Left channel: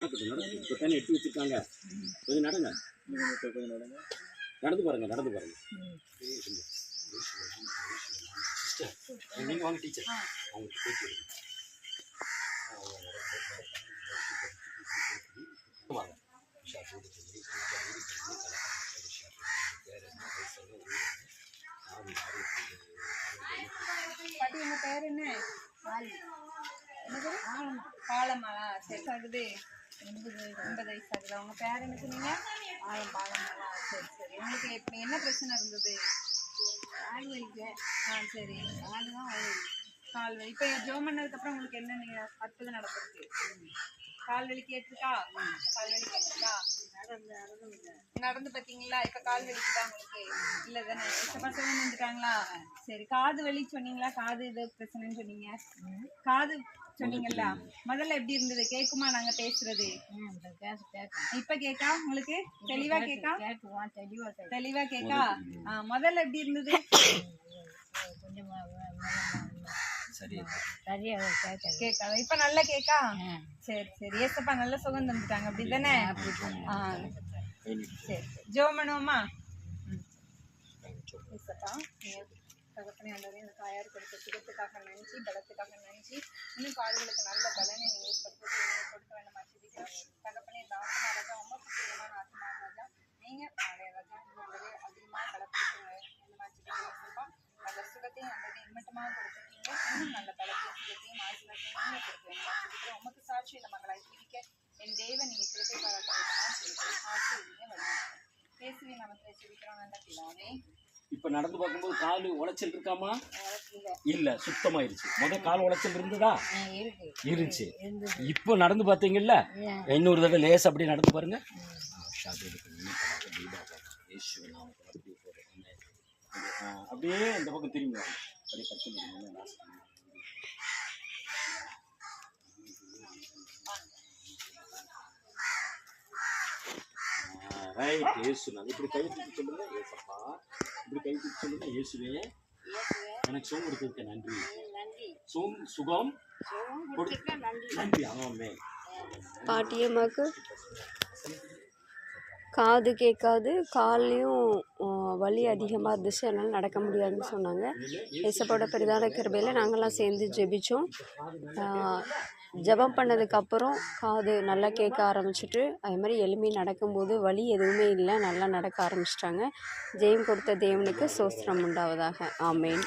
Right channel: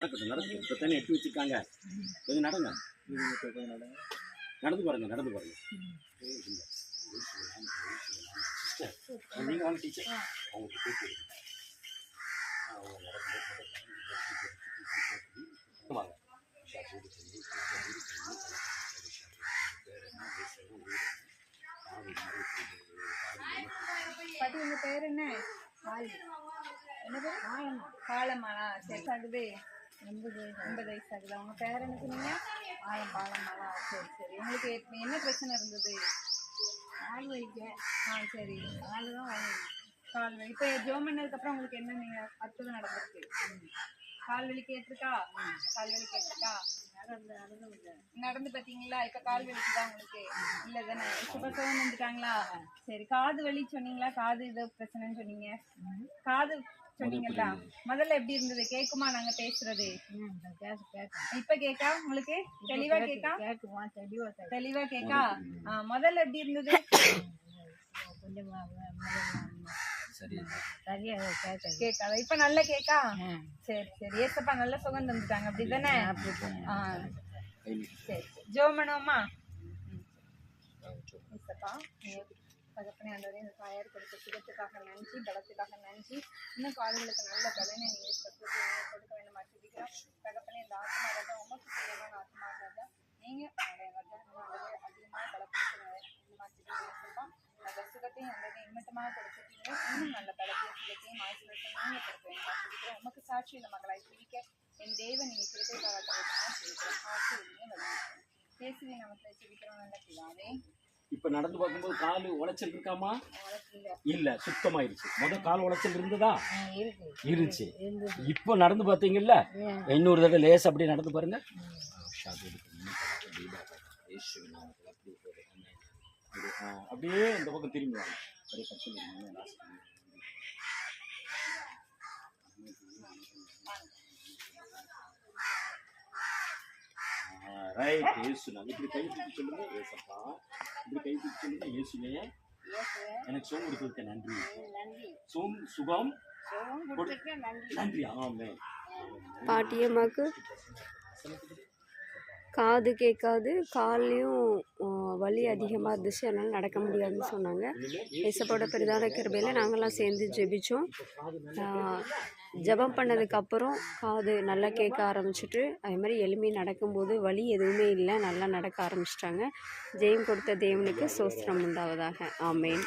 நடக்குது நடக்குது. இப்போ தானே எடுத்து வச்சுருக்காங்க. கொஞ்சம் நடங்க. நடந்து பாருங்க நடந்து பாருங்க. சிஸ்டர் நீங்கள் வாங்க டீச்சர். அவங்களுக்கு பேச்சு எடுங்க. வாங்க பாட்டி உங்க பேர் என்ன? என்னது? பாலமாலா. சரி ஆகுது. 80 வயசு ஆகுதா? உங்க பேர் என்ன சொன்னீங்க? பாலமாலா. சரி சரி. உங்களுக்கு என்ன பிரச்சனை இருந்தது? கால் வலிக்க. சரி. கால் வலி. இப்போ ஜோம் பண்ணதுக்கு அப்புறம் உங்களுக்கு என்ன நீங்க அற்புதம் நடந்திருக்கு? கால் வலி கேட்டிருக்கா? கால் வலி கேட்டிருக்கா? நடந்து பார்த்தீங்களா? இப்போ கால் வலிக்குதா உங்களுக்கு? இல்லை தானே? இப்போ சுகம் வந்துட்டாங்களா? சரி. காது வலி சொன்னீங்களா? காது ஏதோ பிரச்சனைன்னு சொன்னீங்க. காது சொன்னீங்களா? முதல்ல எப்படி இருந்தது? கேட்குமா நாங்க பேசுறது? இப்ப கேக்கா? உங்களுக்கு தெளிவா கேக்கா? தெளிவா கேக்கா? முதல்ல எப்படி இருந்தது? கேட்காத. இப்ப நல்லா கேக்கா? சரி சரி. ஏசப்பா நல்ல சுகம் தந்துட்டாங்க அப்படிதானே? சரி ஜெபம் பண்ணுவோமா? ஏசப்பா தகப்பனே ஆண்டவரே, இந்த தாயார் கொடுத்த சுகத்துக்காக நன்றி, பலத்துக்காக நன்றி. இன்னும் கால்களுக்கு நல்ல பலனை நீங்க கொடுக்க வேண்டும் ஆசிரிக்கிறோம். தகப்பனே இந்த ஆத்மா ராஜா உமக்கு பிரியமான ஆத்மா ராஜா, நீங்க ராஜா நல்லதே அதிகமாக பலப்படுத்துங்க. இந்த மாதிரி நல்ல சுகத்தையும் நல்லதை இம்மட்டமாக கொடுத்துருக்கீங்க. இன்னும் நல்ல பலத்தையும் சுகத்தையும் ஆசீர்வாதத்தையும் நீங்க கொடுக்க வேண்டும் ஆசிரிக்கிறோம். உமக்கு சாட்சியில மகளாய் பிரிக்க என் தேவன் நீங்க கிருபை பாராட்டுவதற்காக செய்கிறோம். ஆசீர்வதிங்க வழிநடத்துங்க. இயேசுவின் நாமத்தை ஜெபிக்கிறோம் நல்ல பிதாவே. இப்போ நடந்து பார்க்கும்போது கால் உளைச்சல் இருக்காமா? இல்லை, சுத்தமாயிருச்சு. முதல் கால் உளைச்சல் இருந்ததா? இருந்துச்சு. இப்போ நடந்து பார்த்தீங்கல்ல, இன்னொரு தடவை லேஸ் அப்படியே நடந்து பாருங்க. அப்படியே இந்த பக்கம் திரும்பி வாங்க. அப்படியே கட்டு. ரைட். இயேசுனா இப்படி கை தூக்கி சொல்லுங்க. ஏசப்பா இப்படி கை தூக்கி சொல்லுங்க. இயேசுவே எனக்கு சுகம் கொடுத்ததுக்கு நன்றி. சுகம் நன்றி. ஆமென். பாட்டியம்மாவுக்கு காது கேட்காது, கால்லையும் வலி அதிகமாக இருந்துச்சு, அதனால் நடக்க முடியாதுன்னு சொன்னாங்க. ஏசப்போட பெரிதான கிருபையில் நாங்கள்லாம் சேர்ந்து ஜெபித்தோம். ஜெபம் பண்ணதுக்கப்புறம் காது நல்லா கேட்க ஆரம்பிச்சிட்டு, அது மாதிரி எளிமை நடக்கும்போது வலி எதுவுமே இல்லை, நல்லா நடக்க ஆரம்பிச்சிட்டாங்க. ஜெயம் கொடுத்த தேவனுக்கு ஸ்தோத்திரம் உண்டாவதாக. ஆமென்.